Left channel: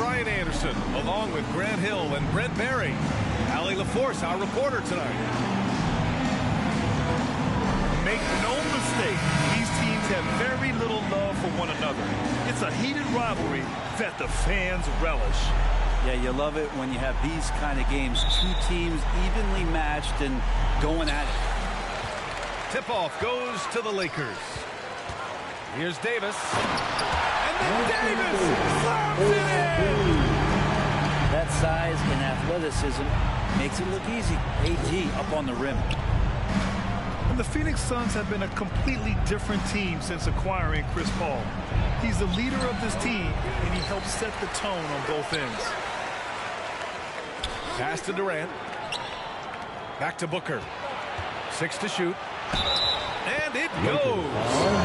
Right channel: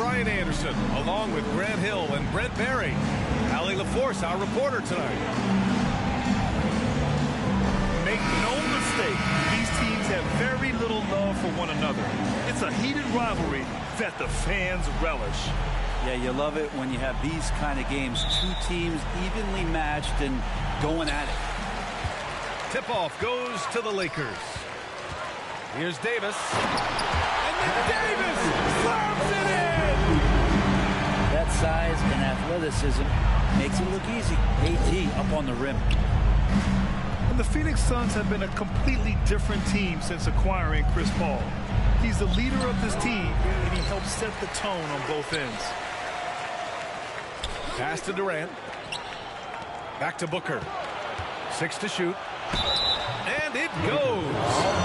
Brian Anderson, along with Grant Hill and Brent Berry. Allie LaForce, our reporter tonight. Make no mistake, these teams have very little love for one another. It's a heated rivalry that the fans relish. Yeah, you love it when you have these kind of games. Two teams evenly matched and going at it. Tip-off goes to the Lakers. Here's Davis. And then Davis slams it in! That size and athleticism makes it look easy. AD up on the rim. And the Phoenix Suns have been a completely different team since acquiring Chris Paul. He's the leader of this team, and he helps set the tone on both ends. Pass to Durant. Back to Booker. 6 to shoot. And it goes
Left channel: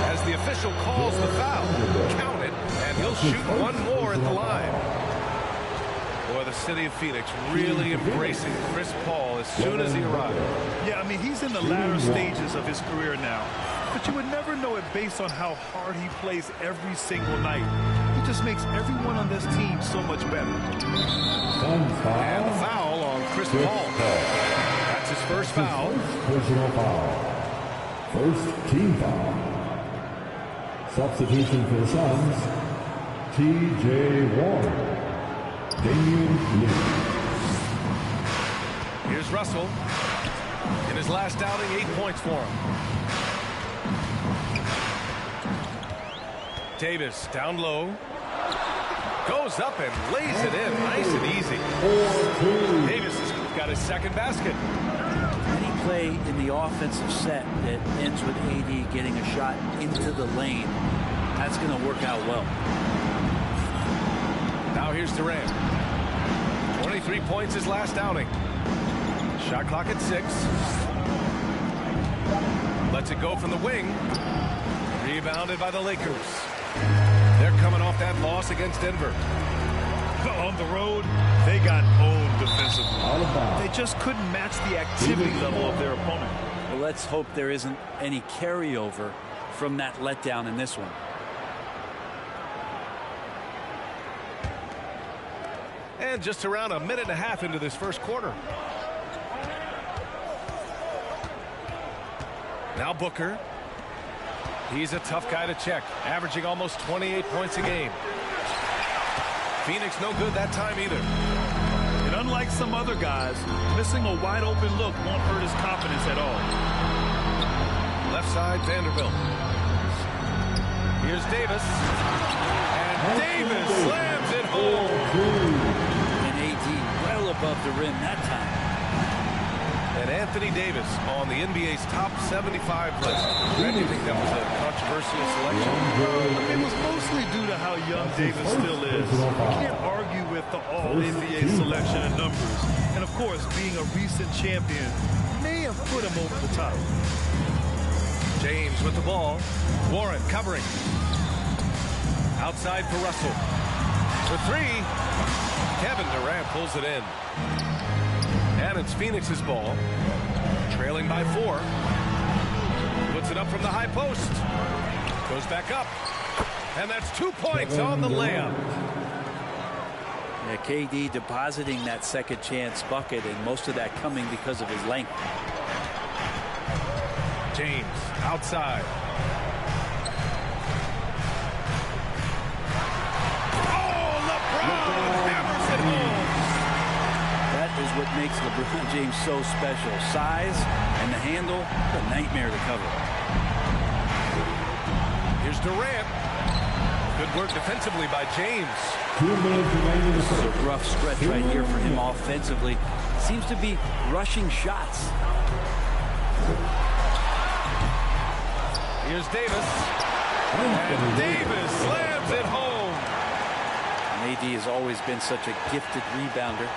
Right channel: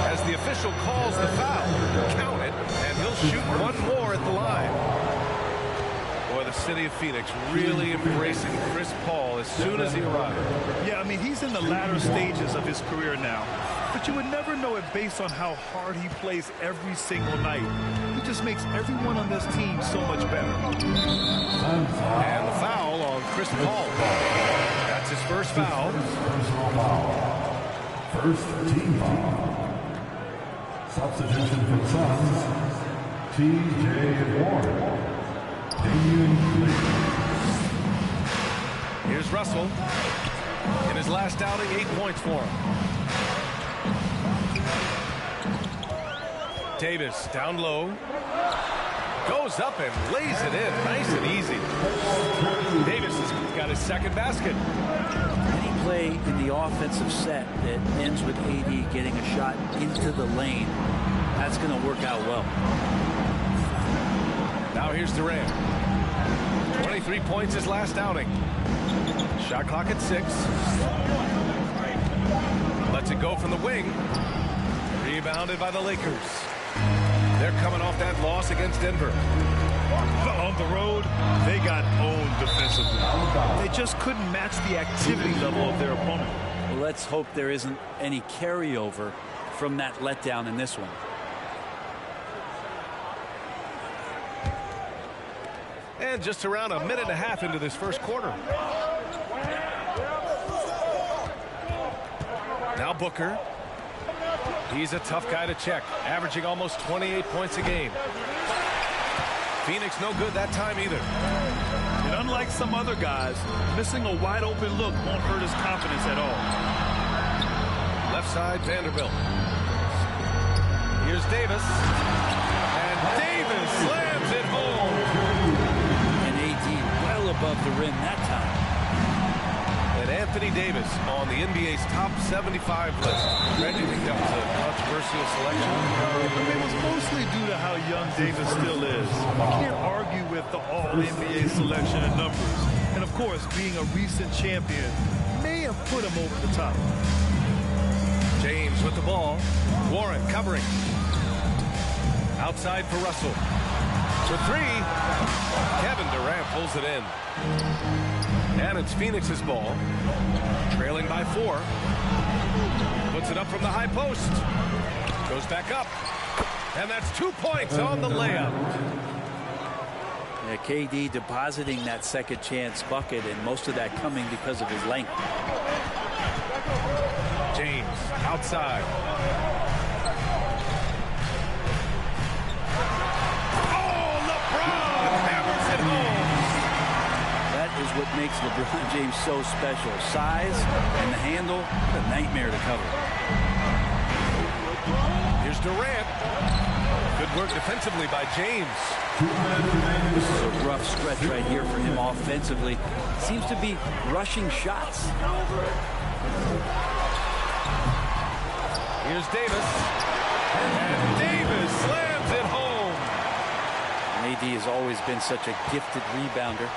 as the official calls the foul. Count it, and he'll shoot one more at the line. Boy, the city of Phoenix really embracing Chris Paul as soon as he arrived. Yeah, I mean, he's in the latter stages of his career now. But you would never know it based on how hard he plays every single night. He just makes everyone on this team so much better. And the foul on Chris Paul. That's his first foul. Personal foul. First team foul. Substitution for the Suns, T.J. Warren. Here's Russell. In his last outing, 8 points for him. Davis down low. Goes up and lays it in. Nice and easy. Davis has got his second basket. Any play in the offensive set that ends with AD getting a shot into the lane, that's going to work out well. Now here's Durant. 23 points his last outing. Shot clock at 6. Lets it go from the wing. Rebounded by the Lakers. They're coming off that loss against Denver. On the road, they got owned defensively. They just couldn't match the activity level of their opponent. Well, let's hope there isn't any carryover from that letdown in this one. And just around a minute and a half into this first quarter. Now Booker. He's a tough guy to check, averaging almost 28 points a game. Phoenix no good that time either. And unlike some other guys, missing a wide open look won't hurt his confidence at all. Left side, Vanderbilt. Here's Davis. And Davis slams it home. And AD well above the rim that time. And Anthony Davis on the NBA's top 75 list. Greg, do you think that was a controversial selection? I mean, it was mostly due to how young Davis still is. You can't argue with the all-NBA selection and numbers. And, of course, being a recent champion may have put him over the top. James with the ball. Warren covering. Outside for Russell. For 3. Kevin Durant pulls it in. And it's Phoenix's ball. Trailing by 4. Puts it up from the high post. Goes back up. And that's 2 points on the layup. Yeah, KD depositing that second chance bucket, and most of that coming because of his length. James outside. Oh, LeBron hammers it home. That is what makes LeBron James so special. Size and the handle, a nightmare to cover. Here's Durant. Good work defensively by James. 2 minutes remaining. This is a rough stretch right here for him offensively. Seems to be rushing shots. Here's Davis. And Davis slams it home. And AD has always been such a gifted rebounder.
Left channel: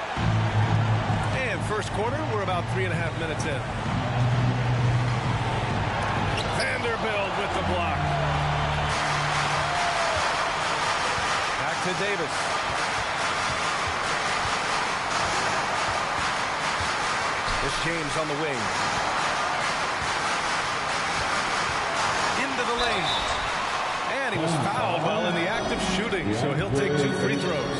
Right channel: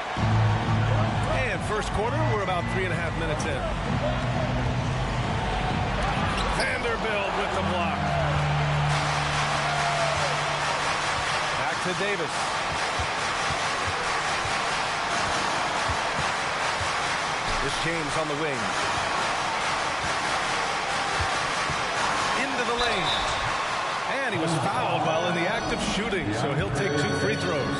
And first quarter, we're about 3.5 minutes in. Vanderbilt with the block. Back to Davis. Here's James on the wing. Into the lane. And he was fouled while in the act of shooting, so he'll take 2 free throws.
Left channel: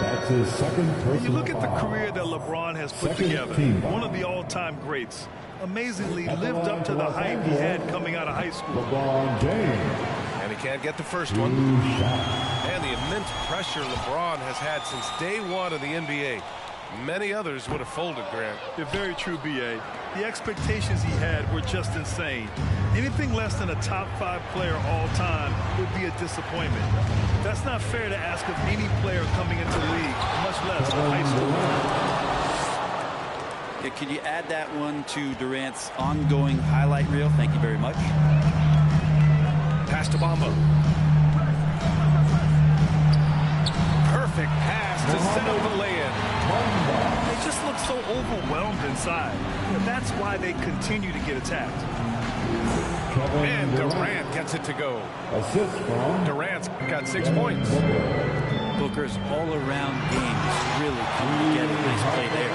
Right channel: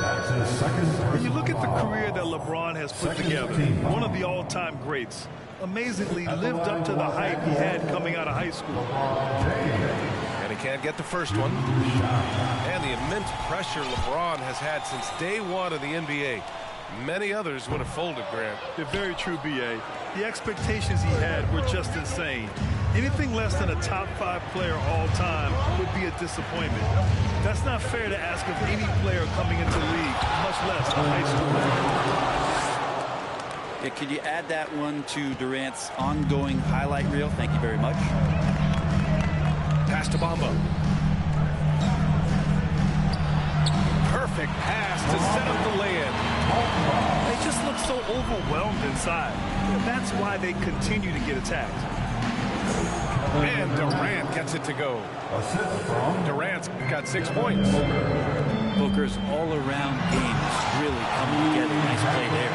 That's his second personal When you look at the foul. career that LeBron has put Second together, team foul. one of the all-time greats, amazingly At the lived line up to for the Los hype he Angeles, had coming out of high school. LeBron James. And he can't get the first one. And the immense pressure LeBron has had since day one of the NBA. Many others would have folded, Grant. They're very true, B.A. The expectations he had were just insane. Anything less than a top 5 player all time would be a disappointment. That's not fair to ask of any player coming into the league, much less a high schooler. Yeah, could you add that one to Durant's ongoing highlight reel? Thank you very much. Pass to Bamba. Perfect pass to set up the lay-in. They just look so overwhelmed inside. That's why they continue to get attacked. And Durant gets it to go. Assist from Durant's got 6 points. Booker's all-around game is really coming together. Nice play there.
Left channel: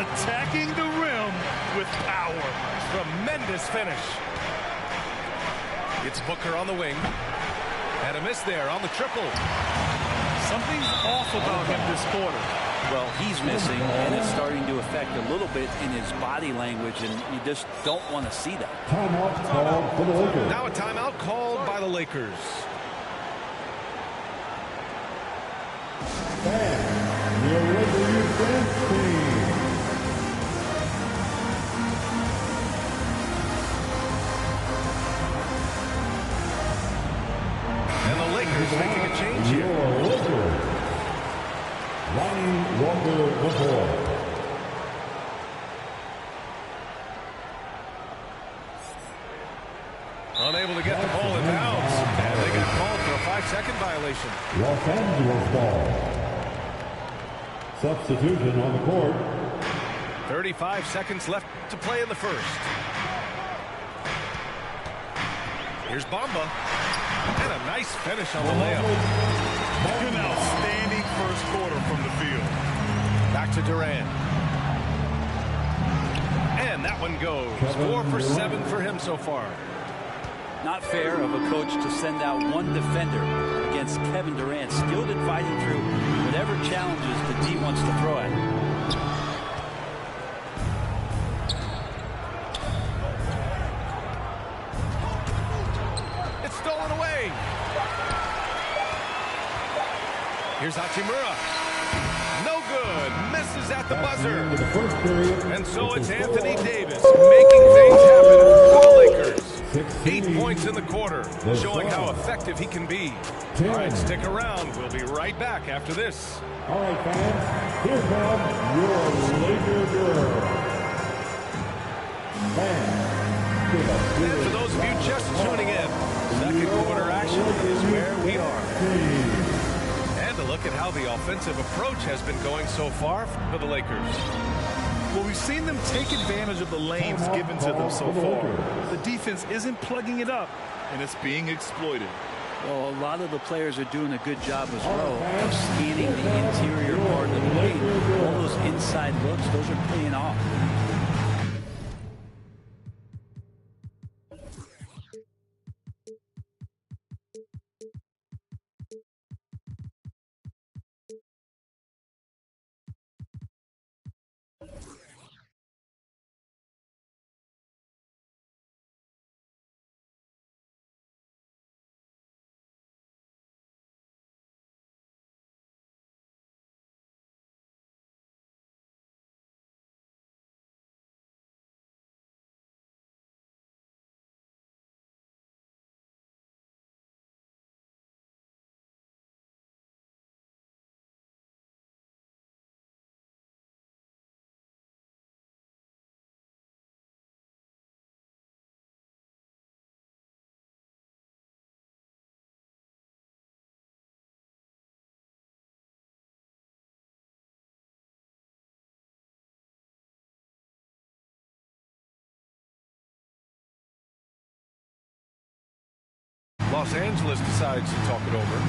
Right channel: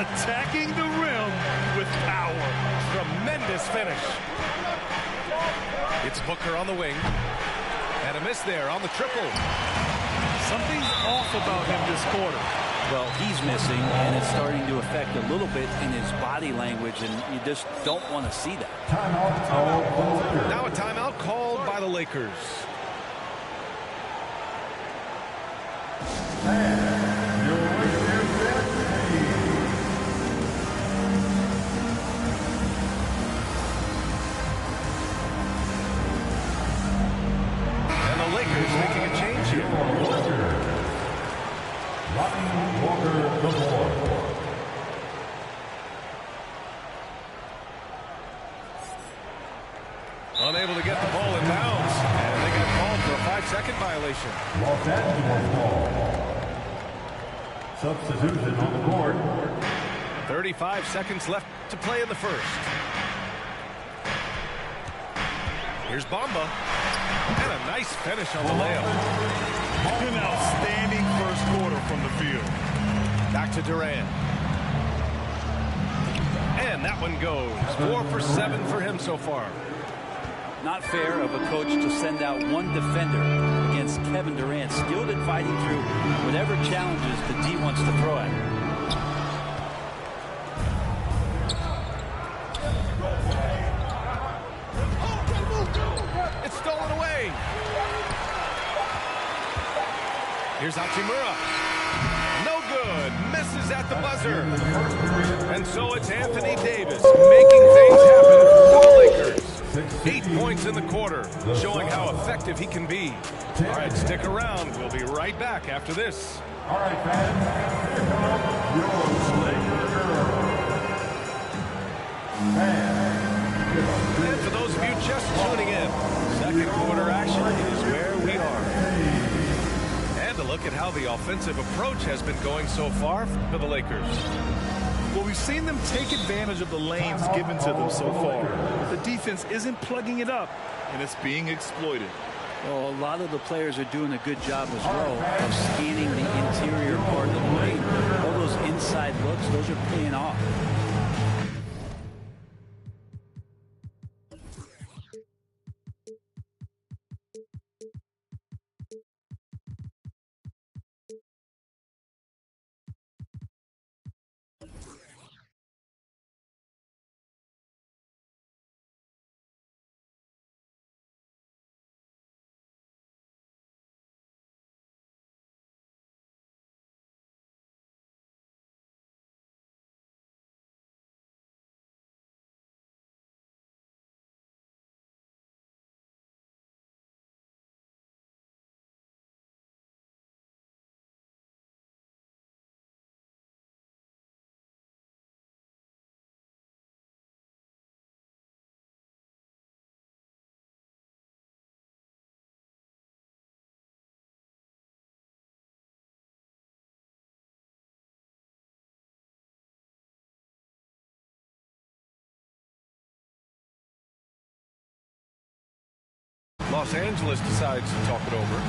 Attacking the rim with power. Tremendous finish. It's Booker on the wing. And a miss there on the triple. Something's off about him this quarter. Well, he's missing, and it's starting to affect a little bit in his body language, and you just don't want to see that. timeout called for the Lakers. Now a timeout called by the Lakers. And your Lakers dance team. And the Lakers making a change here. Your Lakers. Lonnie Walker the fourth. Unable to get the ball in bounds. And they got called for a 5-second violation. Los Angeles ball. Substitution on the court. 35 seconds left to play in the first. Here's Bamba. And a nice finish on the layup. An outstanding first quarter from the field. Back to Durant. And that one goes. 4 for 7 for him so far. Not fair of a coach to send out one defender against Kevin Durant, skilled at fighting through whatever challenges the D wants to throw at him. It's stolen away. Here's Hachimura. No good. Misses at the buzzer. And so it's Anthony Davis making things happen for the Lakers. 8 points in the quarter, showing how effective he can be. All right, stick around. We'll be right back after this. All right, fans, here comes your Laker girl. And for those of you just tuning in, second quarter action is where we are. And a look at how the offensive approach has been going so far for the Lakers. Well, we've seen them take advantage of the lanes given to them so far. The defense isn't plugging it up, and it's being exploited. Well, a lot of the players are doing a good job as well of scanning the interior part of the lane. All those inside looks, those are paying off. Los Angeles decides to talk it over.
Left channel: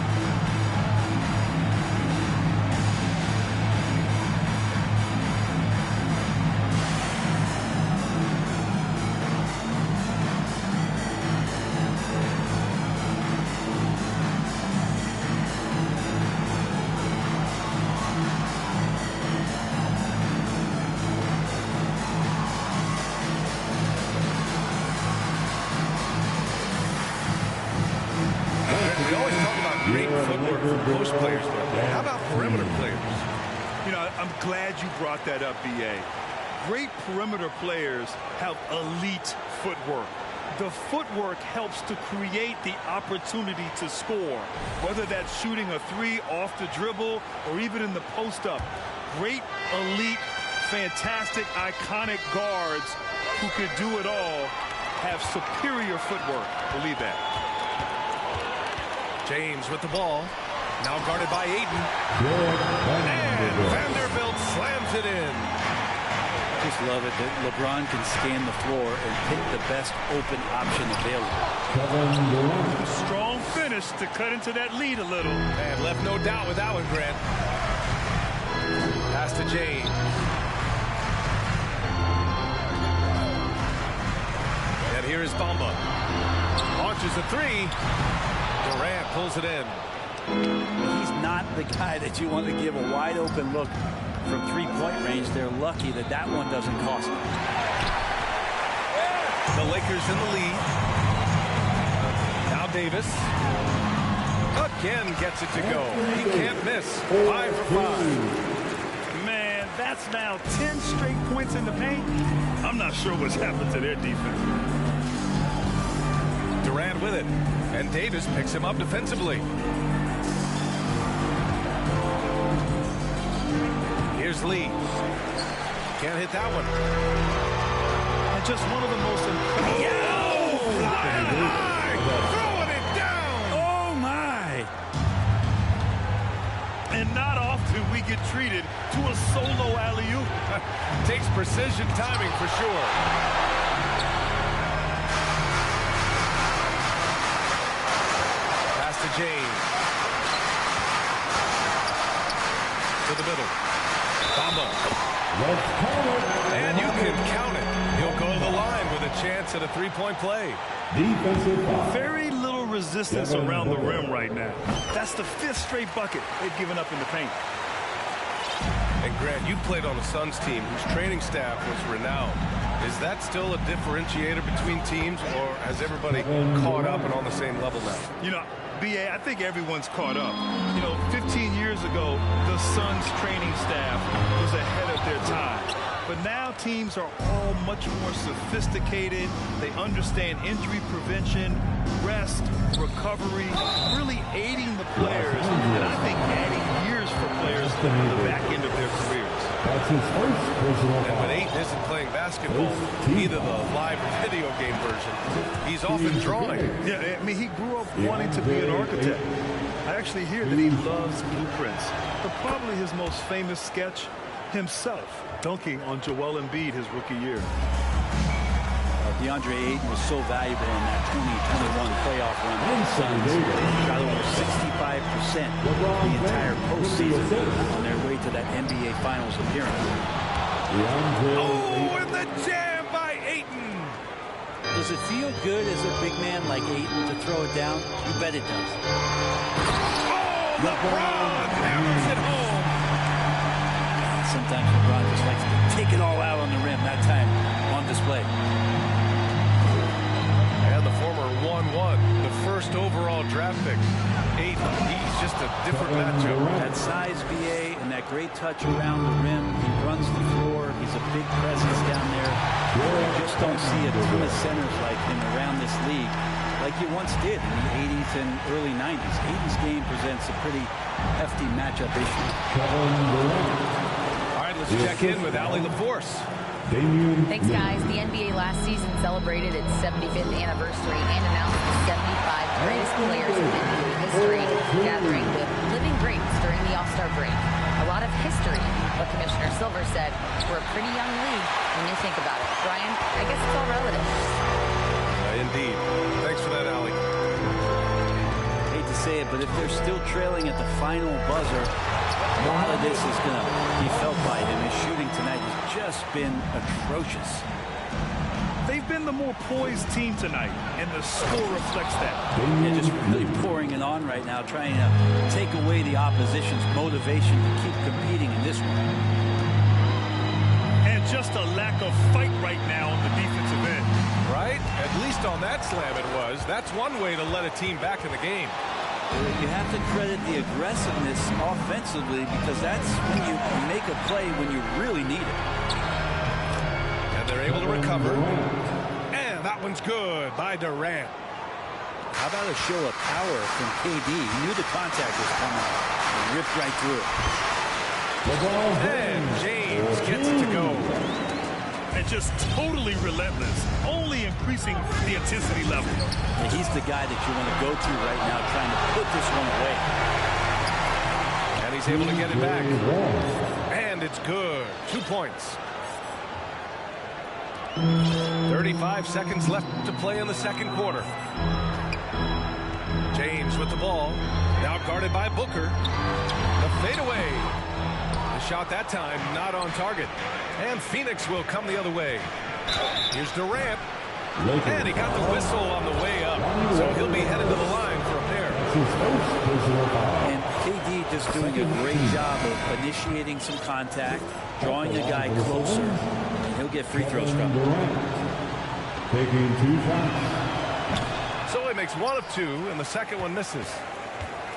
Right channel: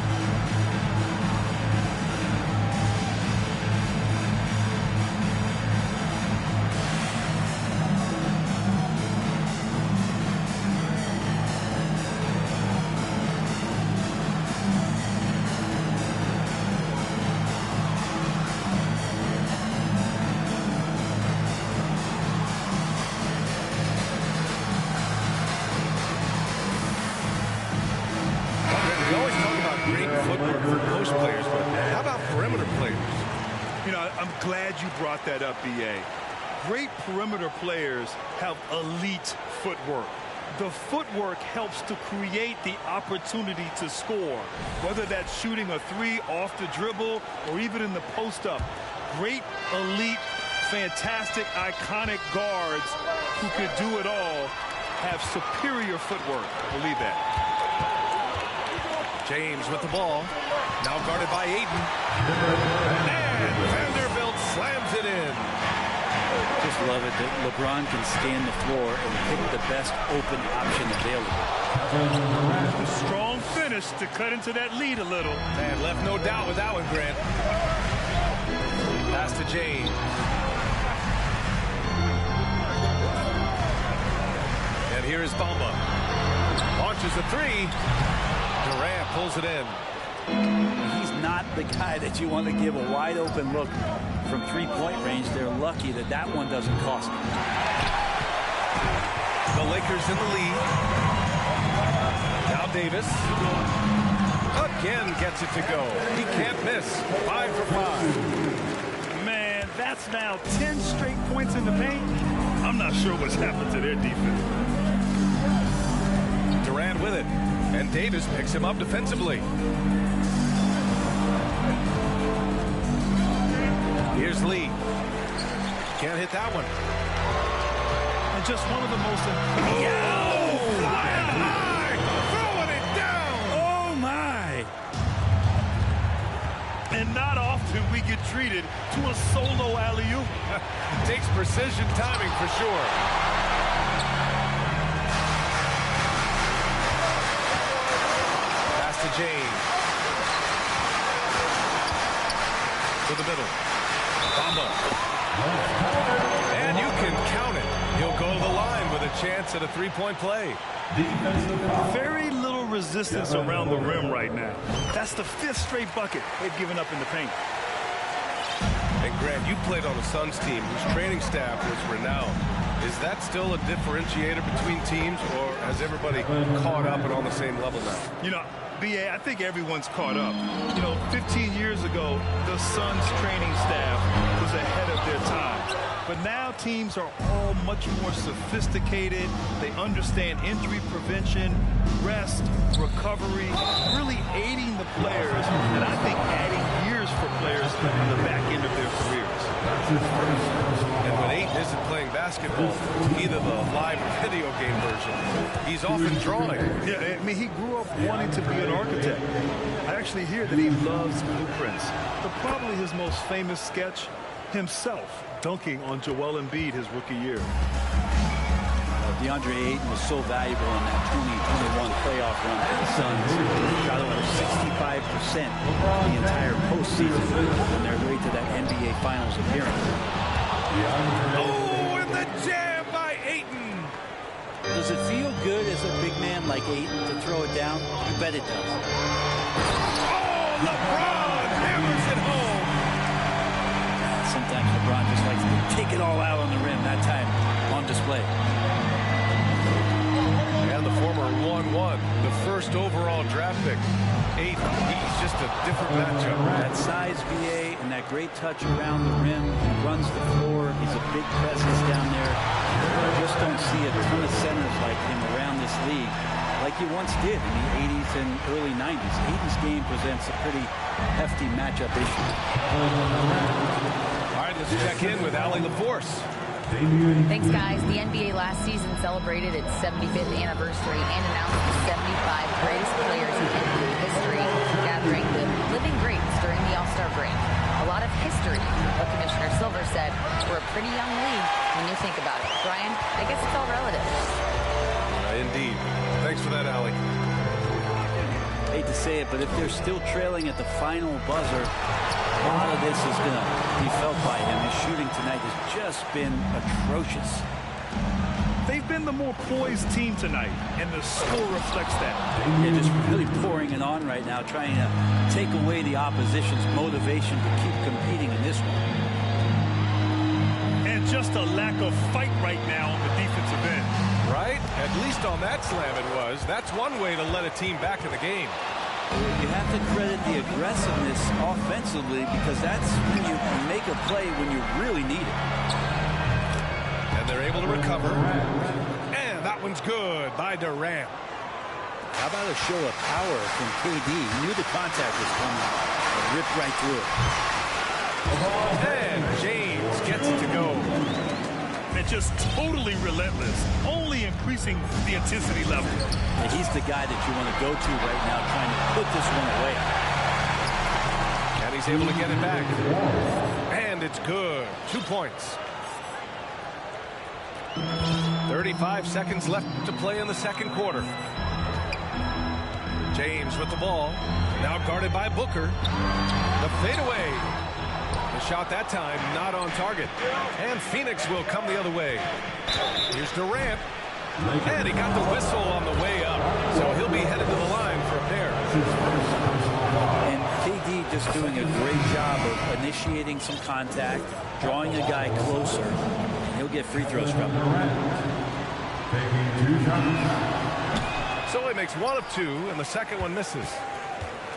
Great footwork for post players, but how about perimeter players? You know, I'm glad you brought that up, B.A. Great perimeter players have elite footwork. The footwork helps to create the opportunity to score, whether that's shooting a three off the dribble or even in the post-up. Great, elite, fantastic, iconic guards who could do it all have superior footwork. Believe that. James with the ball. Now guarded by Ayton. And Vanderbilt slams it in. Just love it that LeBron can scan the floor and pick the best open option available. A strong finish to cut into that lead a little. And left no doubt with that one, Grant. Pass to James. And here is Bamba. Launches a three. Durant pulls it in. He's not the guy that you want to give a wide open look from three-point range. They're lucky that that one doesn't cost them. The Lakers in the lead. Now Davis. Again gets it to go. He can't miss. 5 for 5. Man, that's now 10 straight points in the paint. I'm not sure what's happened to their defense. Durant with it. And Davis picks him up defensively. Here's Lee. Can't hit that one. And just one of the most impressive. Flying high! Throwing it down! Oh, my! And not often we get treated to a solo alley-oop. Takes precision timing for sure. Pass to James. To the middle. Bamba. And you can count it. He'll go to the line with a chance at a three-point play. Defensive foul. Very little resistance around the rim right now. That's the 5th straight bucket they've given up in the paint. And Grant, you played on a Suns team whose training staff was renowned. Is that still a differentiator between teams, or has everybody caught up and on the same level now? You know, B.A., I think everyone's caught up. You know, 15 years ago, the Suns training staff was ahead of their time. But now teams are all much more sophisticated. They understand injury prevention, rest, recovery, really aiding the players, and I think adding years for players on the back end of their careers. And when Ayton isn't playing basketball, either the live or video game version, he's often drawing. Yeah, I mean, he grew up wanting to be an architect. I actually hear that he loves blueprints, but probably his most famous sketch, himself dunking on Joel Embiid his rookie year. DeAndre Ayton was so valuable in that 2021 playoff run for the Suns. Shot over 65% the entire postseason on their way to that NBA Finals appearance. Oh, and the jam by Ayton. Does it feel good as a big man like Ayton to throw it down? You bet it does. Oh, LeBron hammers it home. Sometimes LeBron just likes to take it all out on the rim. That time on display. And the former 1-1, the first overall draft pick. Ayton, he's just a different matchup. That size, BA, and that great touch around the rim. He runs the floor. He's a big presence down there. You just don't see a ton of centers like him around this league like you once did in the 80s and early 90s. Ayton's game presents a pretty hefty matchup issue. All right, let's check in with Allie LaForce. Thanks, guys. The NBA last season celebrated its 75th anniversary and announced the 75 greatest players in NBA history, gathering the living greats during the All-Star break. A lot of history, but Commissioner Silver said we're a pretty young league when you think about it. Brian, I guess it's all relative. Indeed. Thanks for that, Allie. Hate to say it, but if they're still trailing at the final buzzer, a lot of this is going to be felt by him. His shooting tonight has just been atrocious. They've been the more poised team tonight, and the score reflects that. Yeah, just really pouring it on right now, trying to take away the opposition's motivation to keep competing in this one. And just a lack of fight right now on the defensive end. Right? At least on that slam it was. That's one way to let a team back in the game. You have to credit the aggressiveness offensively, because that's when you make a play when you really need it. And they're able to recover. And that one's good by Durant. How about a show of power from KD? He knew the contact was coming and ripped right through it. And James gets it to go. And just totally relentless, only increasing the intensity level. And he's the guy that you want to go to right now, trying to put this one away. And he's able to get it back. And it's good. 2 points. 35 seconds left to play in the second quarter. James with the ball. Now guarded by Booker. The fadeaway. The shot that time not on target. And Phoenix will come the other way. Here's Durant. And he got the whistle on the way up. So he'll be headed to the line for a pair. And KD just doing a great job of initiating some contact, drawing a guy closer, and he'll get free throws from him. Taking 2 shots. So he makes 1 of 2, and the second one misses.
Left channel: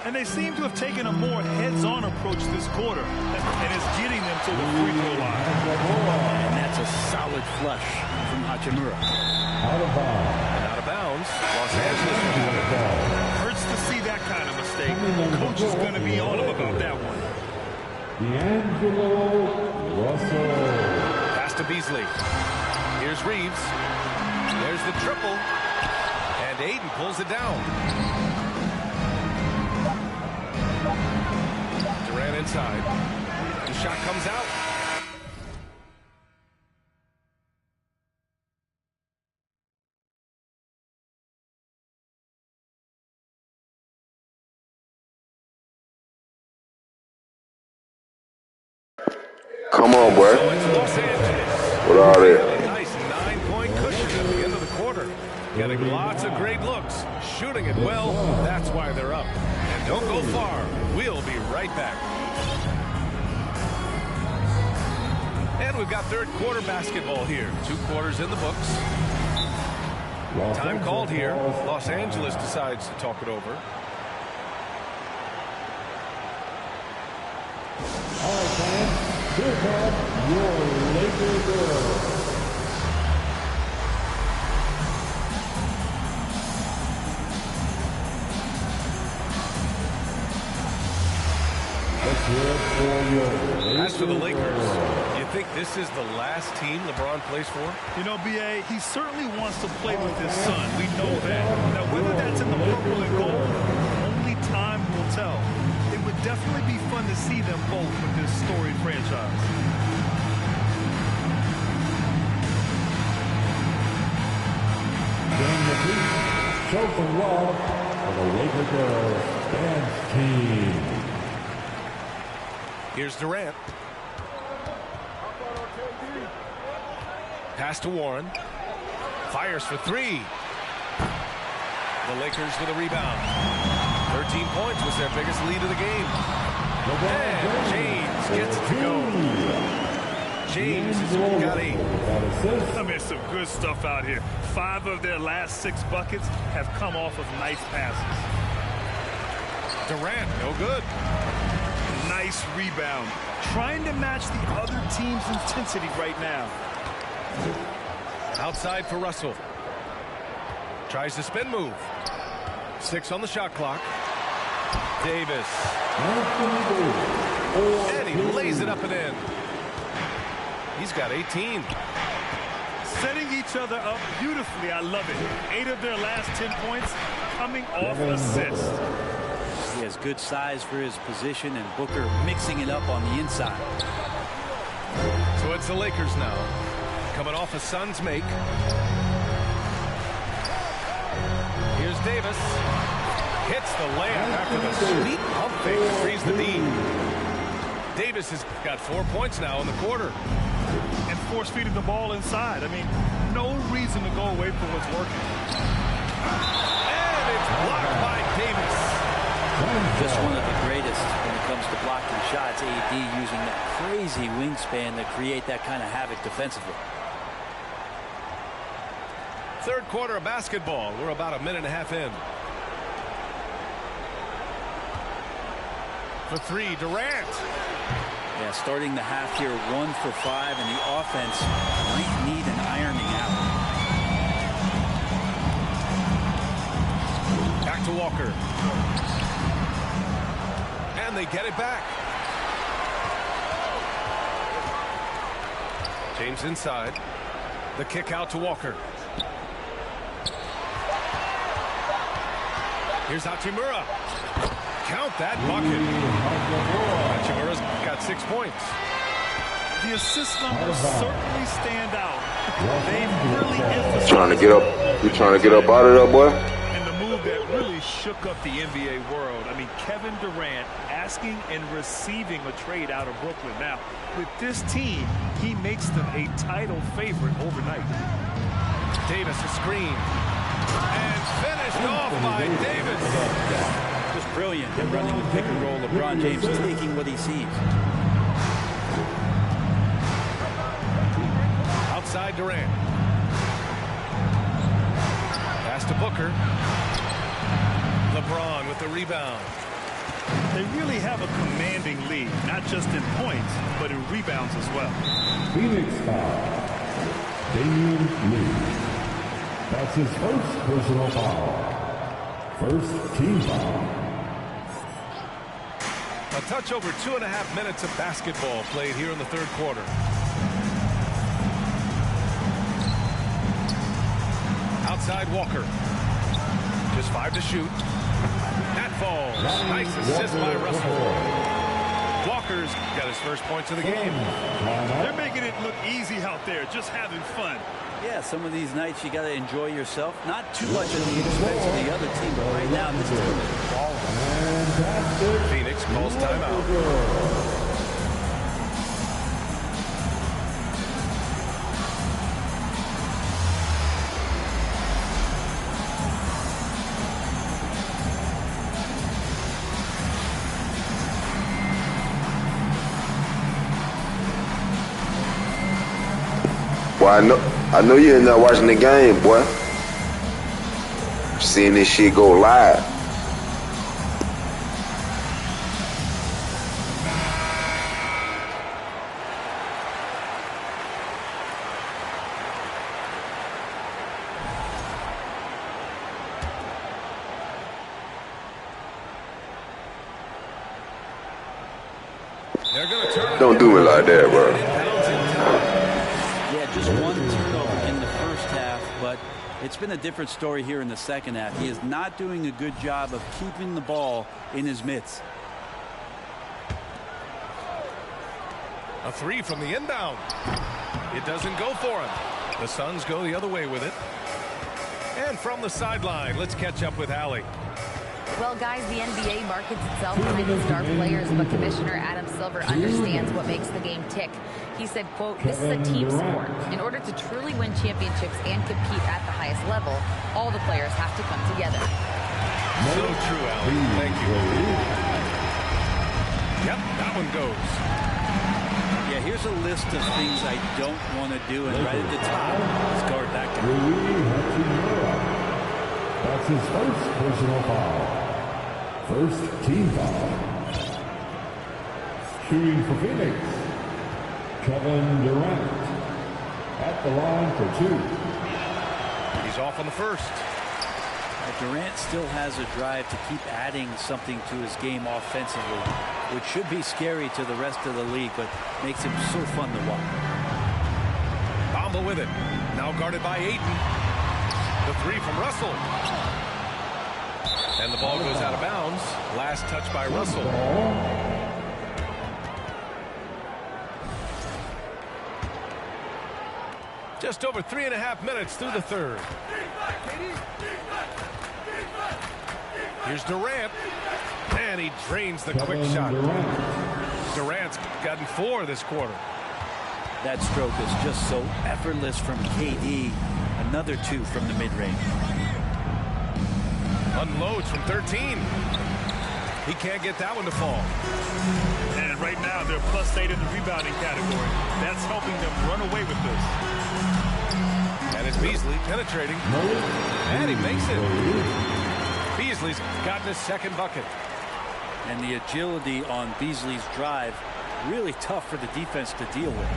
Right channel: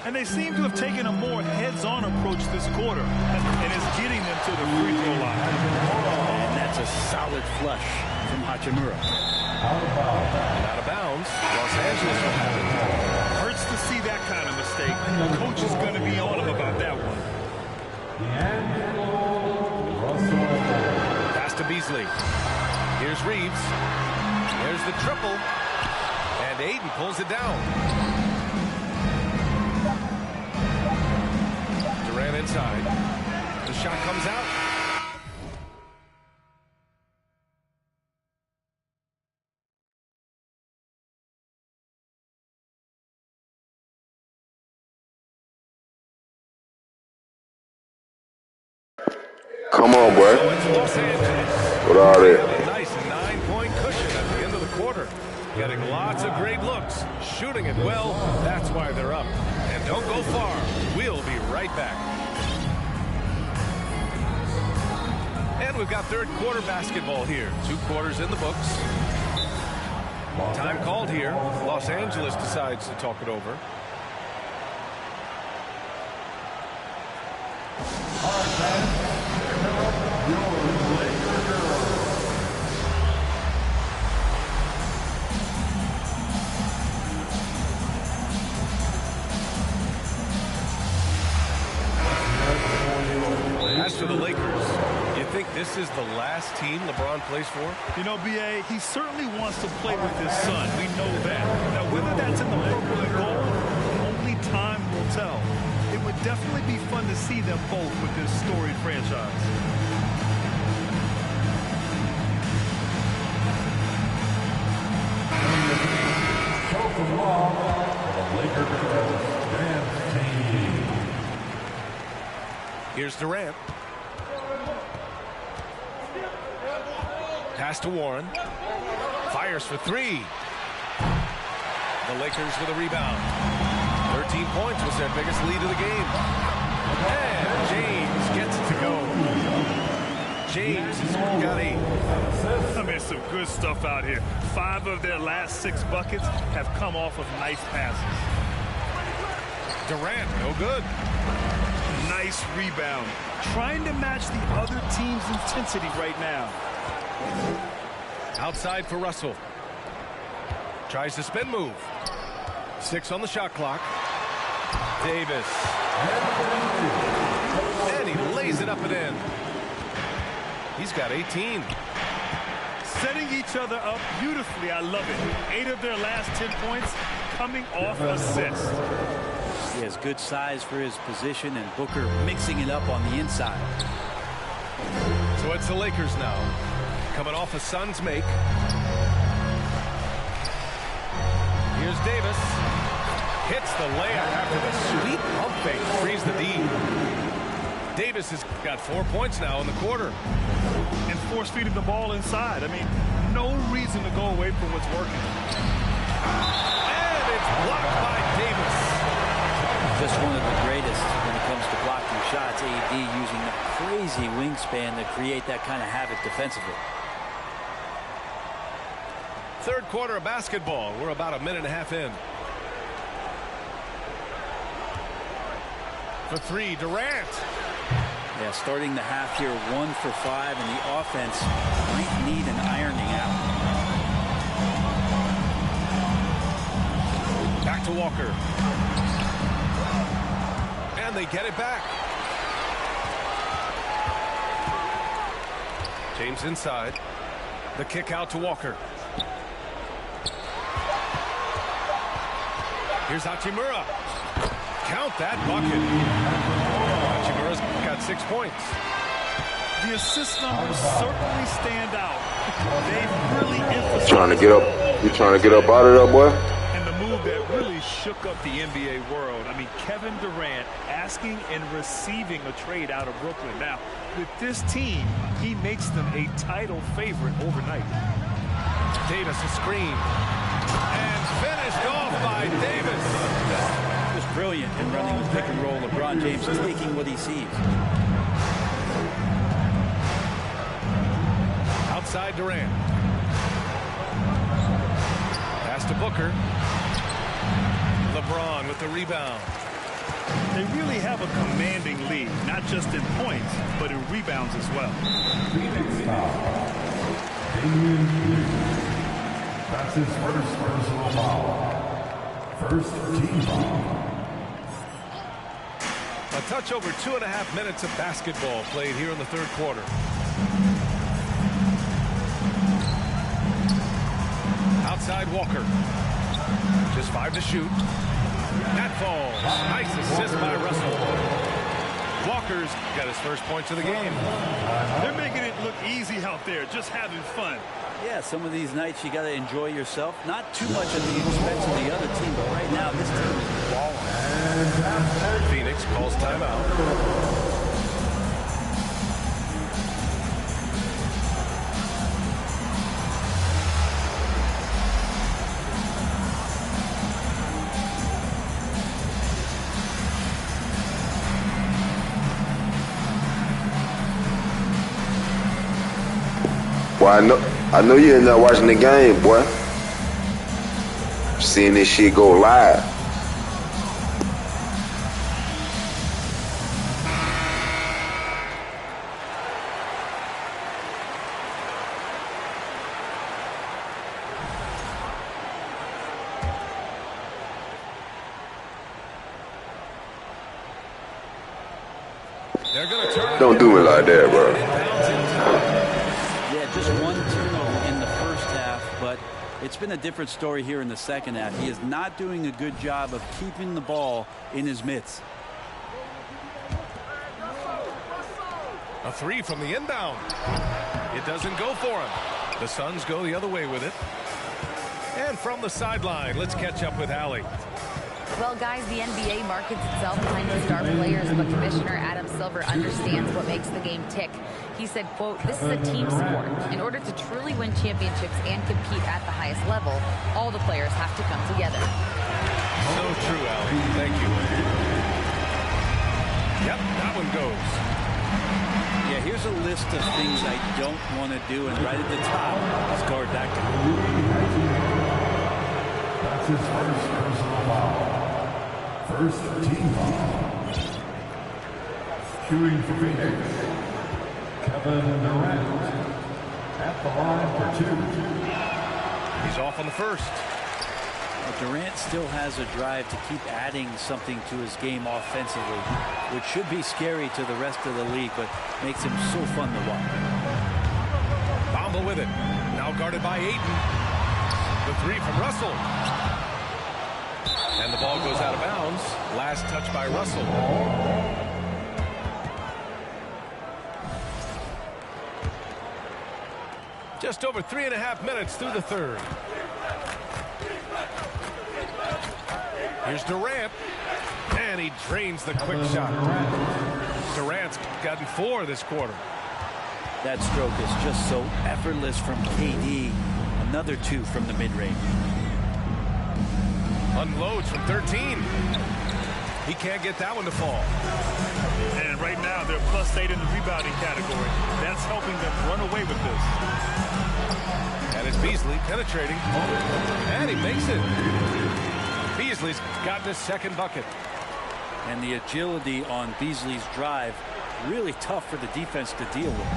And they seem to have taken a more heads-on approach this quarter, and it's getting them to the free throw line. And that's a solid flush from Hachimura. And out of bounds, Los Angeles will have it. Hurts to see that kind of mistake. Coach is going to be on him about that one. D'Angelo Russell. Pass to Beasley. Here's Reeves. There's the triple. And Aiden pulls it down. Durant inside. The shot comes out. Come on, boy. So it's Los Angeles. What are they? A nice 9-point cushion at the end of the quarter. Getting lots of great looks. Shooting it well. That's why they're up. And don't go far. We'll be right back. And we've got third quarter basketball here. 2 quarters in the books. Time called here. Los Angeles decides to talk it over. All right, fans. Here comes your Laker girls. As for the Lakers, you think this is the last team LeBron plays for? You know, B.A., he certainly wants to play with his son. We know that. Now, whether that's in the purple and gold, only time will tell. It would definitely be fun to see them both with this storied franchise. Showing the beat, show some love on the Laker girls dance team. Here's Durant. Pass to Warren. Fires for 3. The Lakers with a rebound. 13 points was their biggest lead of the game. And James gets it to go. James has got 8. I mean, some good stuff out here. 5 of their last 6 buckets have come off of nice passes. Durant, no good. Nice rebound. Trying to match the other team's intensity right now. Outside for Russell. Tries to spin move. 6 on the shot clock. Davis. And he lays it up and in. He's got 18. Setting each other up beautifully. I love it. 8 of their last 10 points coming off assists. He has good size for his position, and Booker mixing it up on the inside. So it's the Lakers now. Coming off a Suns make. Here's Davis. Hits the layup after the sweet pump fake to freeze the D. Davis has got 4 points now in the quarter. And force-feeding the ball inside. I mean, no reason to go away from what's working. And it's blocked by Davis. Just one of the greatest when it comes to blocking shots. AD using that crazy wingspan to create that kind of havoc defensively. Third quarter of basketball. We're about a minute and a half in. for three, Durant. Yeah, starting the half here 1 for 5, and the offense might need an ironing out. Back to Walker. And they get it back. James inside. The kick out to Walker. Here's Hachimura. Count that bucket. Hachimura's got 6 points. The assist numbers certainly stand out. They've really emphasized. Trying to get up. You trying to get up out of there, boy? And the move that really shook up the NBA world. I mean, Kevin Durant asking and receiving a trade out of Brooklyn. Now, with this team, he makes them a title favorite overnight. Davis a screen. And finished off by Davis. Just brilliant in running the pick and roll. LeBron James taking what he sees. Outside Durant. Pass to Booker. LeBron with the rebound. They really have a commanding lead, not just in points, but in rebounds as well. Phoenix foul. Damian Lee. That's his first personal foul. First team foul. A touch over 2.5 minutes of basketball played here in the third quarter. Outside Walker. Just 5 to shoot. That falls. Nice assist by Russell. Walker's got his first points of the game. They're making it look easy out there, just having fun. Yeah, some of these nights you got to enjoy yourself. Not too much at the expense of the other team, but right now this team is balling. Phoenix calls timeout. Well, I know you're in there watching the game, boy. Seeing this shit go live. They're gonna turn it. Don't do me like that, bro. Yeah, just one turnover in the first half, but it's been a different story here in the second half. He is not doing a good job of keeping the ball in his mitts. A three from the inbound. It doesn't go for him. The Suns go the other way with it. And from the sideline, let's catch up with Allie. Well, guys, the NBA markets itself behind the star players, but Commissioner Adam Silver understands what makes the game tick. He said, quote, "This is a team sport. In order to truly win championships and compete at the highest level, all the players have to come together." So true, Allie. Thank you. Yep, that one goes. Yeah, here's a list of things I don't want to do, and right at the top is guard that guy. That's his first personal foul. First team foul. Shooting for Phoenix, Kevin Durant. At the line for 2. He's off on the first. Durant still has a drive to keep adding something to his game offensively, which should be scary to the rest of the league, but makes him so fun to watch. Bamba with it. Now guarded by Ayton. The three from Russell. And the ball goes out of bounds. Last touch by Russell. Just over 3.5 minutes through the third. Here's Durant. And he drains the quick shot. Durant's gotten 4 this quarter. That stroke is just so effortless from KD. Another 2 from the mid-range. Unloads from 13. He can't get that one to fall. And right now, they're +8 in the rebounding category. That's helping them run away with this. And it's Beasley penetrating. And he makes it. Beasley's gotten his second bucket. And the agility on Beasley's drive, really tough for the defense to deal with.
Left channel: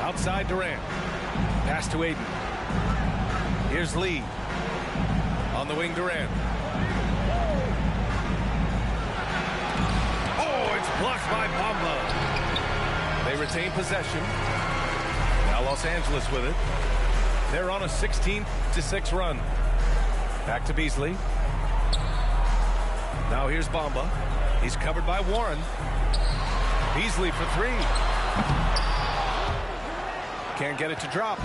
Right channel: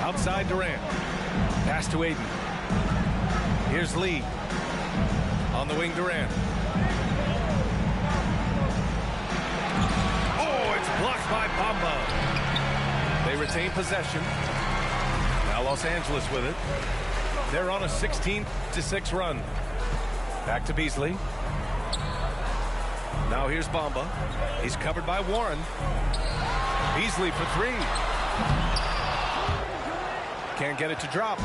Outside Durant. Pass to Aiden. Here's Lee. On the wing, Durant. Oh, it's blocked by Bamba. They retain possession. Now Los Angeles with it. They're on a 16-6 run. Back to Beasley. Now here's Bamba. He's covered by Warren. Beasley for three. Can't get it to drop.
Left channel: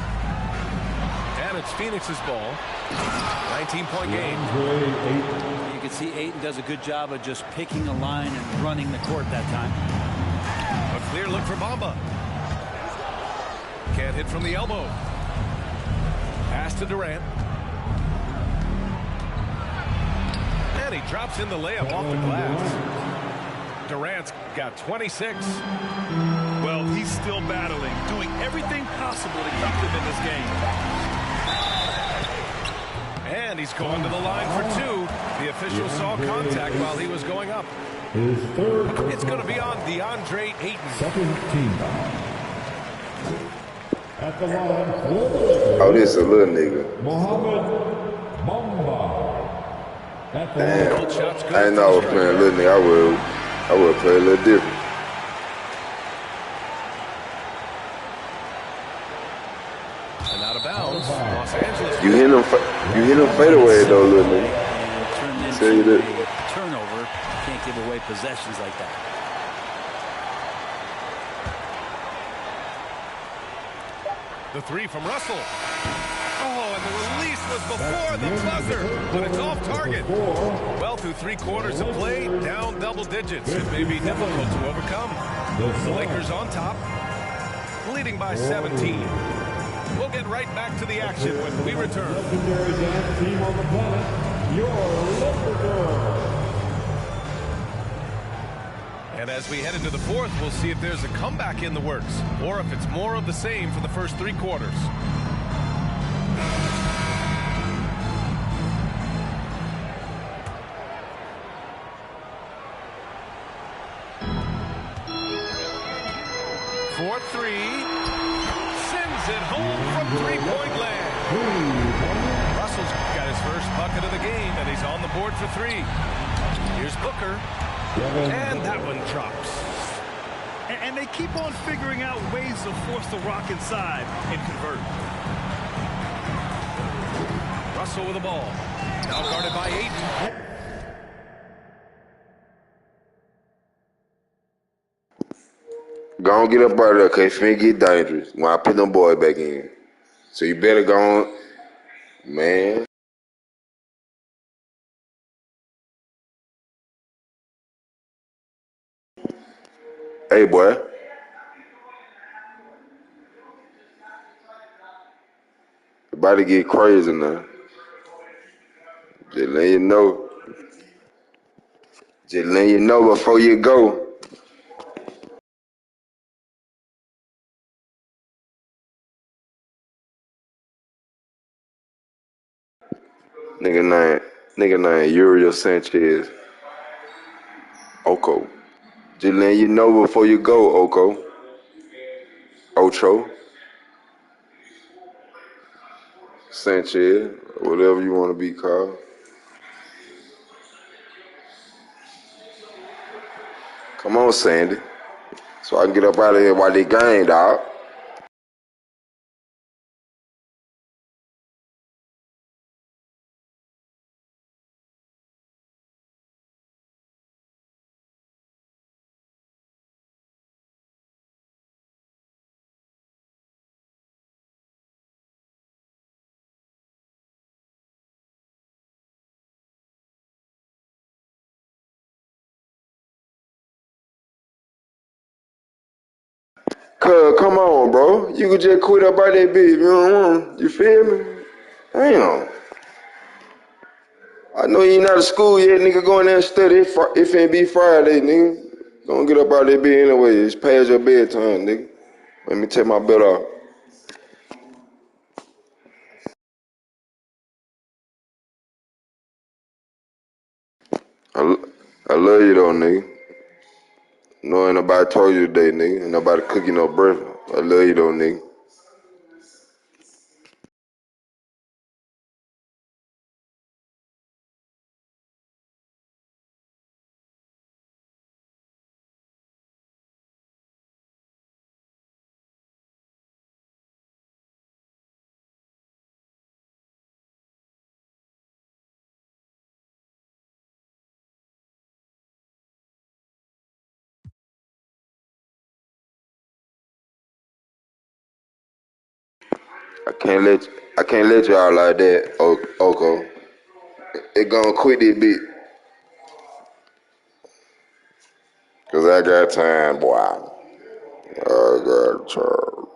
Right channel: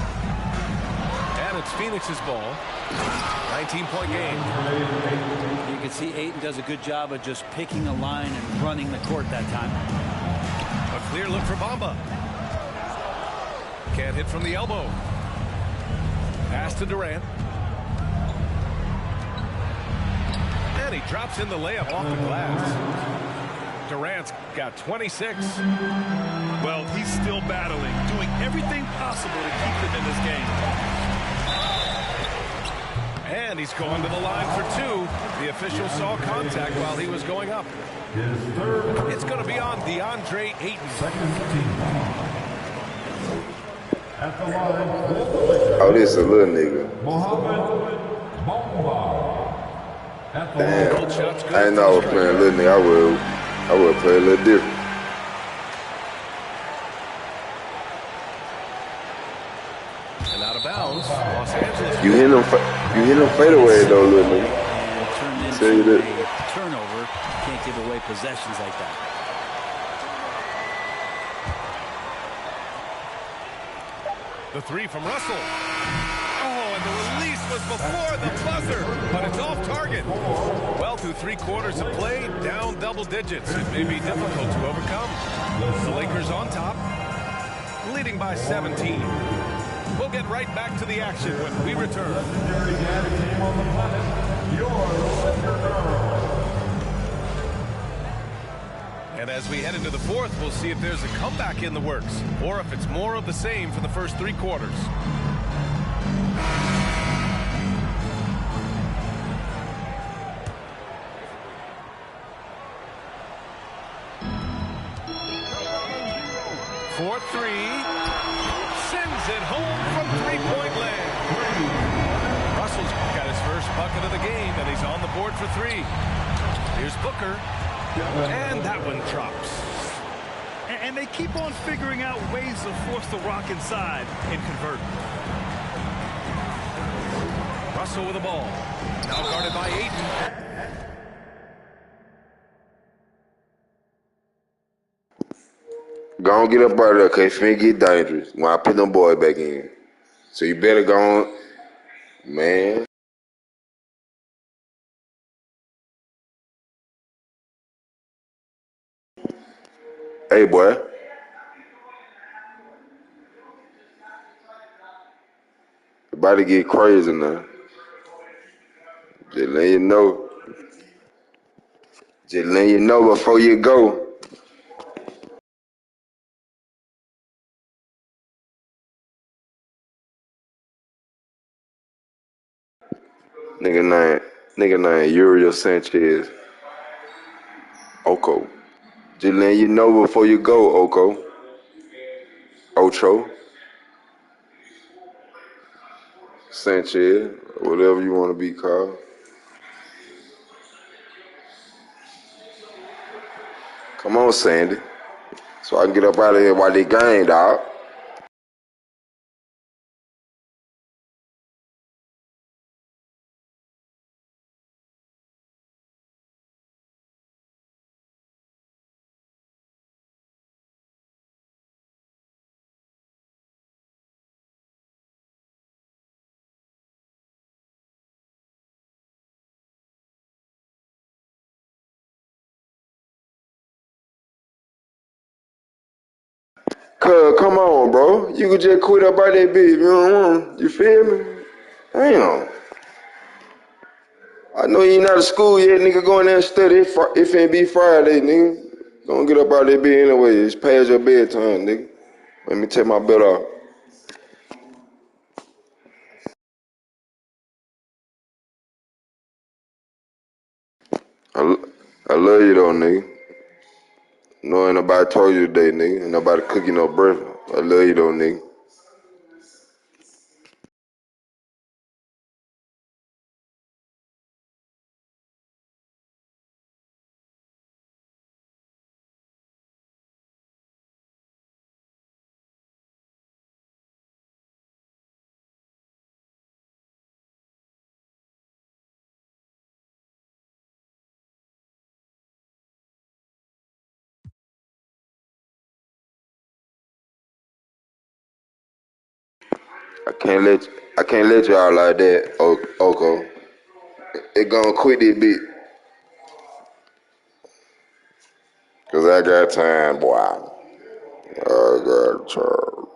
And it's Phoenix's ball. 19-point game. You can see Ayton does a good job of just picking a line and running the court that time. A clear look for Bamba. Can't hit from the elbow. Pass to Durant. And he drops in the layup off the glass. Durant's got 26. Well, he's still battling, doing everything possible to keep them in this game. And he's going to the line for two. The official saw contact while he was going up. His third. It's going to be on DeAndre Ayton. Second team foul. At the line for the Lakers. Oh, this is a little nigga. Mohamed Bamba. At the Damn. line. Both shots good I didn't for know I the was playing a striker. little nigga. I would play a little different. And out of bounds, Los Angeles. You hit him fade away though, little nigga. And turned Tell you into that. a turnover. Can't give away possessions like that. The three from Russell. Oh, and the release was before the buzzer, but it's off target. Well, through 3 quarters of play, down double digits. It may be difficult to overcome. The Lakers on top, leading by 17. We'll get right back to the action when we return. Legendary dance team on the planet, your Laker Girls. And as we head into the fourth, we'll see if there's a comeback in the works, or if it's more of the same for the first 3 quarters. For three, sends it home from three-point land. Russell's got his first bucket of the game, and he's on the board for 3. Here's Booker, and that one drops. And they keep on figuring out ways to force the rock inside and convert. Russell with the ball, now guarded by Ayton. Go on, get up out of there, cause it's finna get dangerous when I put them boys back in. So you better go on, man. Hey, boy. About to get crazy now. Just letting you know. Just letting you know before you go. Nigga named Uriel Sanchez. Oko. Just letting you know before you go, Oko. Ocho. Sanchez. Whatever you want to be called. Come on, Sandy. So I can get up out of here while they game, dog. Cuz, come on, bro. You could just quit up out that bitch if you don't want. You feel me? Damn. I know you ain't out of school yet, nigga. Go in there and study. If it be Friday, nigga. Gonna get up out that bitch anyway. It's past your bedtime, nigga. Let me take my belt off. I love you though, nigga. No, ain't nobody told you today, nigga. Ain't nobody cook you no breakfast. I love you though, nigga. I can't let y'all like that, Oko. It gonna quit this bit. Cause I got time, boy. I got time.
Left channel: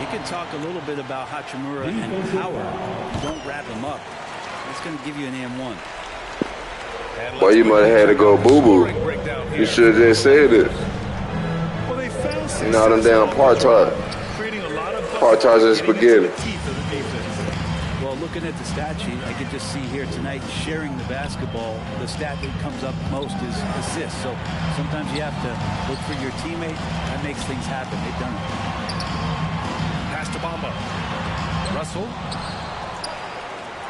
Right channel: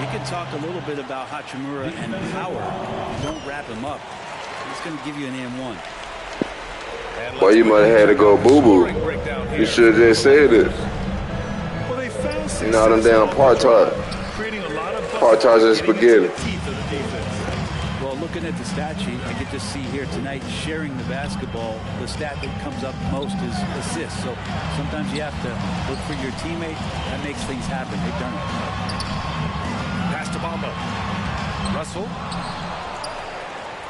You can talk a little bit about Hachimura and power. If you don't wrap him up, he's going to give you an M1. Boy, you might have had to go boo-boo. You should have just said it. Well, they found success. You know them damn part-tarts. Creating a lot of Part-tarts and spaghetti. teeth of the defense. Well, looking at the stat sheet, I could just see here tonight sharing the basketball. The stat that comes up most is assists. So sometimes you have to look for your teammate. That makes things happen. They've done it. Pass to Bamba. Russell.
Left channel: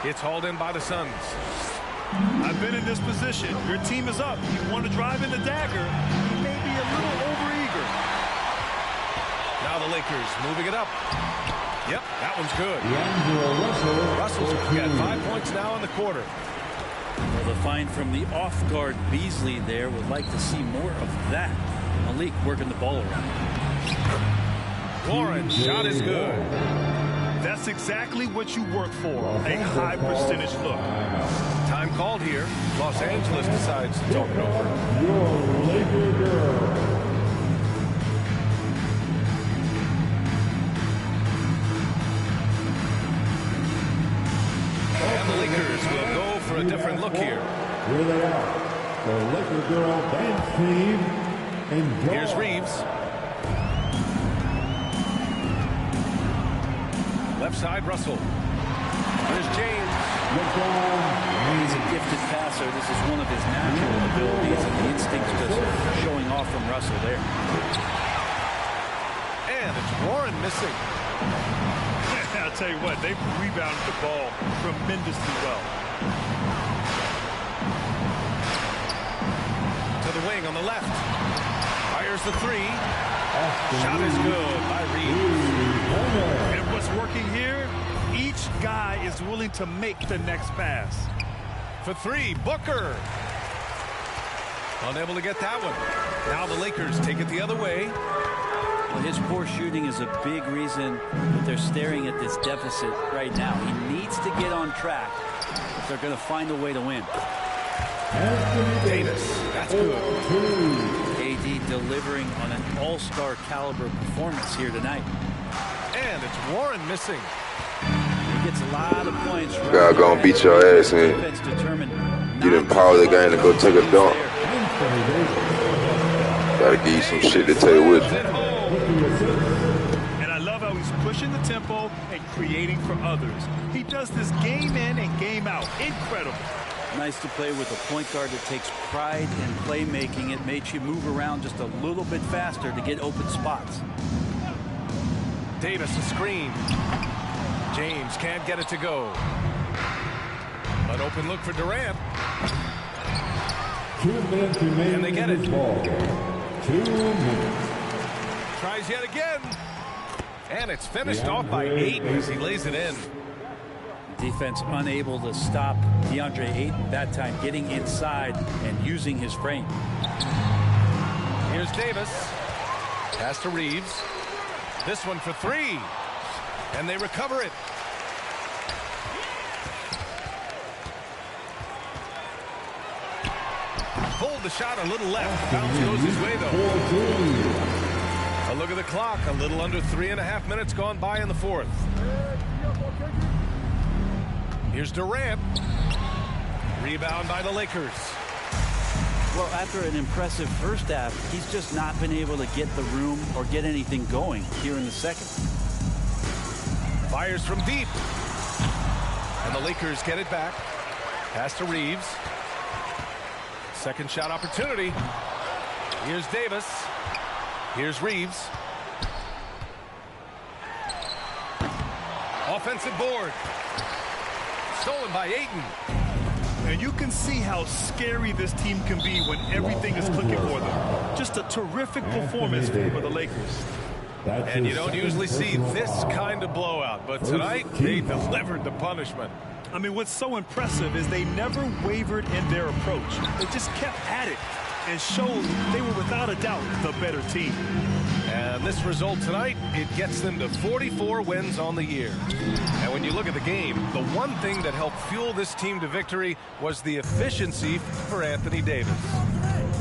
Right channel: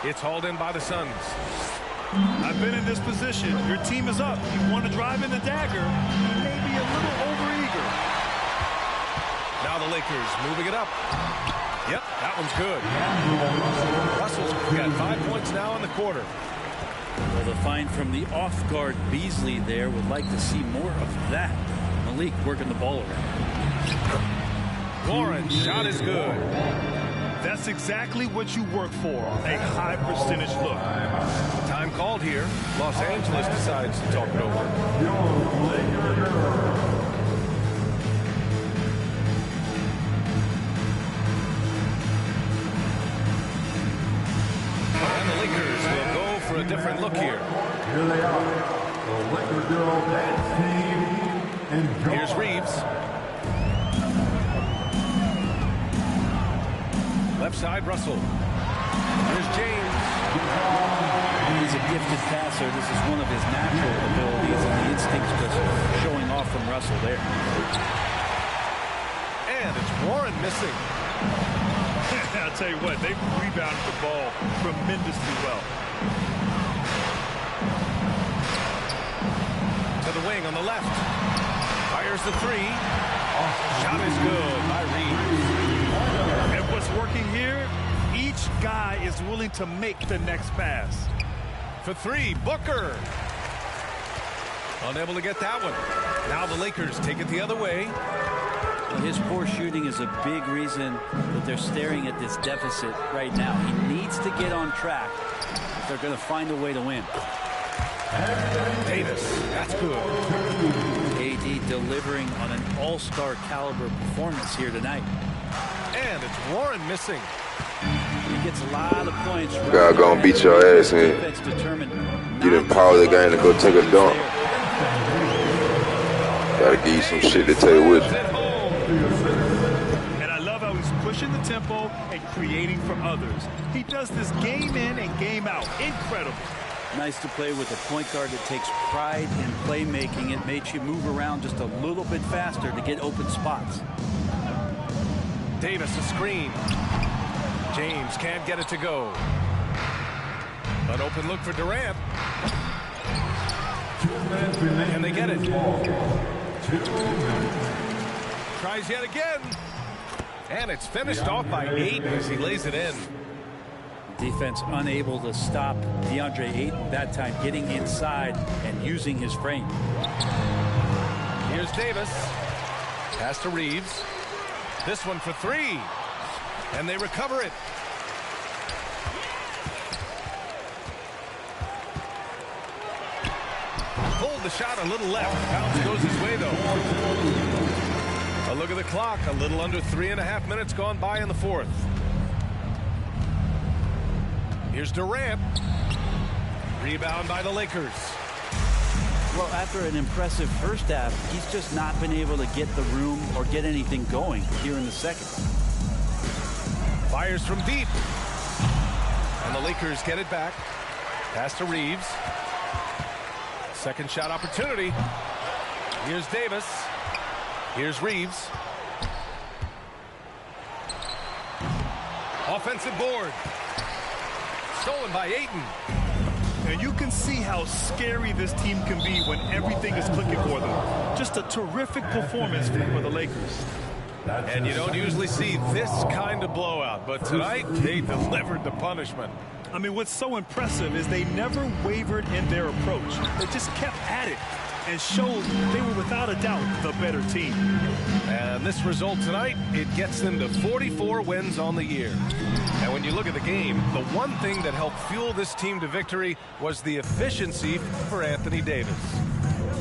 It's hauled in by the Suns. I've been in this position. Your team is up. You want to drive in the dagger. You may be a little overeager. Now the Lakers moving it up. Yep, that one's good. Russell's got 5 points now in the quarter. Well, the find from the off-guard Beasley there. Would like to see more of that. Malik working the ball around. Warren, shot is good. That's exactly what you work for, a high percentage look. Time called here. Los Angeles decides to talk it over. And the Lakers will go for a different look here. Here they are, the Laker Girl Dance Team. Here's Reeves. Left side, Russell. Here's James. He's a gifted passer. This is one of his natural abilities, and the instinct's just showing off from Russell there. And it's Warren missing. I'll tell you what, they've rebounded the ball tremendously well. To the wing on the left. Fires the three. Shot is good by Reeves. And what's working here, each guy is willing to make the next pass. For three, Booker. Unable to get that one. Now the Lakers take it the other way. Well, his poor shooting is a big reason that they're staring at this deficit right now. He needs to get on track if they're going to find a way to win. Davis, that's good. AD delivering on an all-star caliber performance here tonight. And it's Warren missing. He gets a lot of points. God gonna beat your ass, man. You didn't power the game to go take a dunk. Gotta give you some shit to take with you. And I love how he's pushing the tempo and creating for others. He does this game in and game out. Incredible. Nice to play with a point guard that takes pride in playmaking. It makes you move around just a little bit faster to get open spots. Davis a screen. James can't get it to go. An open look for Durant. 2 minutes remaining. Can they get it? 2 minutes. Tries yet again. And it's finished off by Ayton as he lays it in. Defense unable to stop DeAndre Ayton that time, getting inside and using his frame. Here's Davis. Pass to Reeves. This one for three. And they recover it. Pulled the shot a little left. Bounce goes his way, though. A look at the clock. A little under 3.5 minutes gone by in the fourth. Here's Durant. Rebound by the Lakers. Well, after an impressive first half, he's just not been able to get the room or get anything going here in the second. Fires from deep. And the Lakers get it back. Pass to Reeves. Second shot opportunity. Here's Davis. Here's Reeves. Offensive board. Stolen by Ayton. And you can see how scary this team can be when everything is clicking for them. Just a terrific performance for the Lakers. And you don't usually see this kind of blowout, but tonight they delivered the punishment. I mean, what's so impressive is they never wavered in their approach. They just kept at it and showed they were without a doubt the better team. And this result tonight, it gets them to 44 wins on the year. And when you look at the game, the one thing that helped fuel this team to victory was the efficiency for Anthony Davis.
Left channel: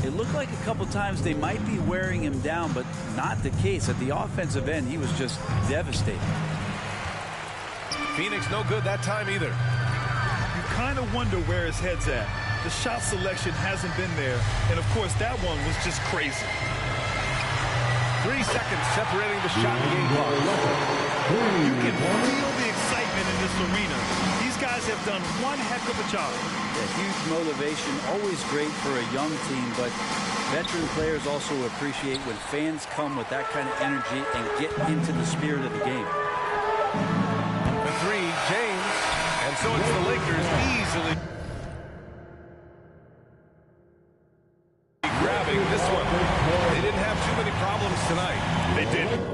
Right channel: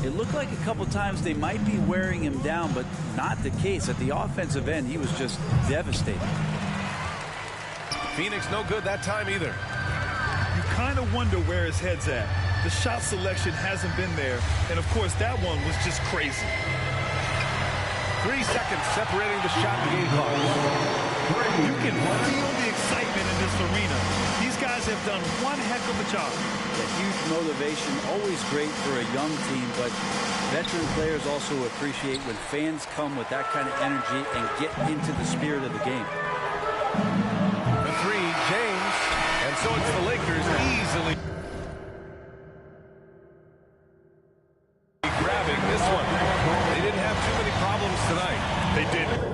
It looked like a couple times they might be wearing him down, but not the case. At the offensive end, he was just devastating. Phoenix no good that time either. You kind of wonder where his head's at. The shot selection hasn't been there, and of course that one was just crazy. 3 seconds separating the shot and game clock. You can feel the excitement in this arena. These guys have done one heck of a job. Yeah, huge motivation, always great for a young team, but veteran players also appreciate when fans come with that kind of energy and get into the spirit of the game. The three, James, and so it's the Lakers easily grabbing this one. They didn't have too many problems tonight. They didn't.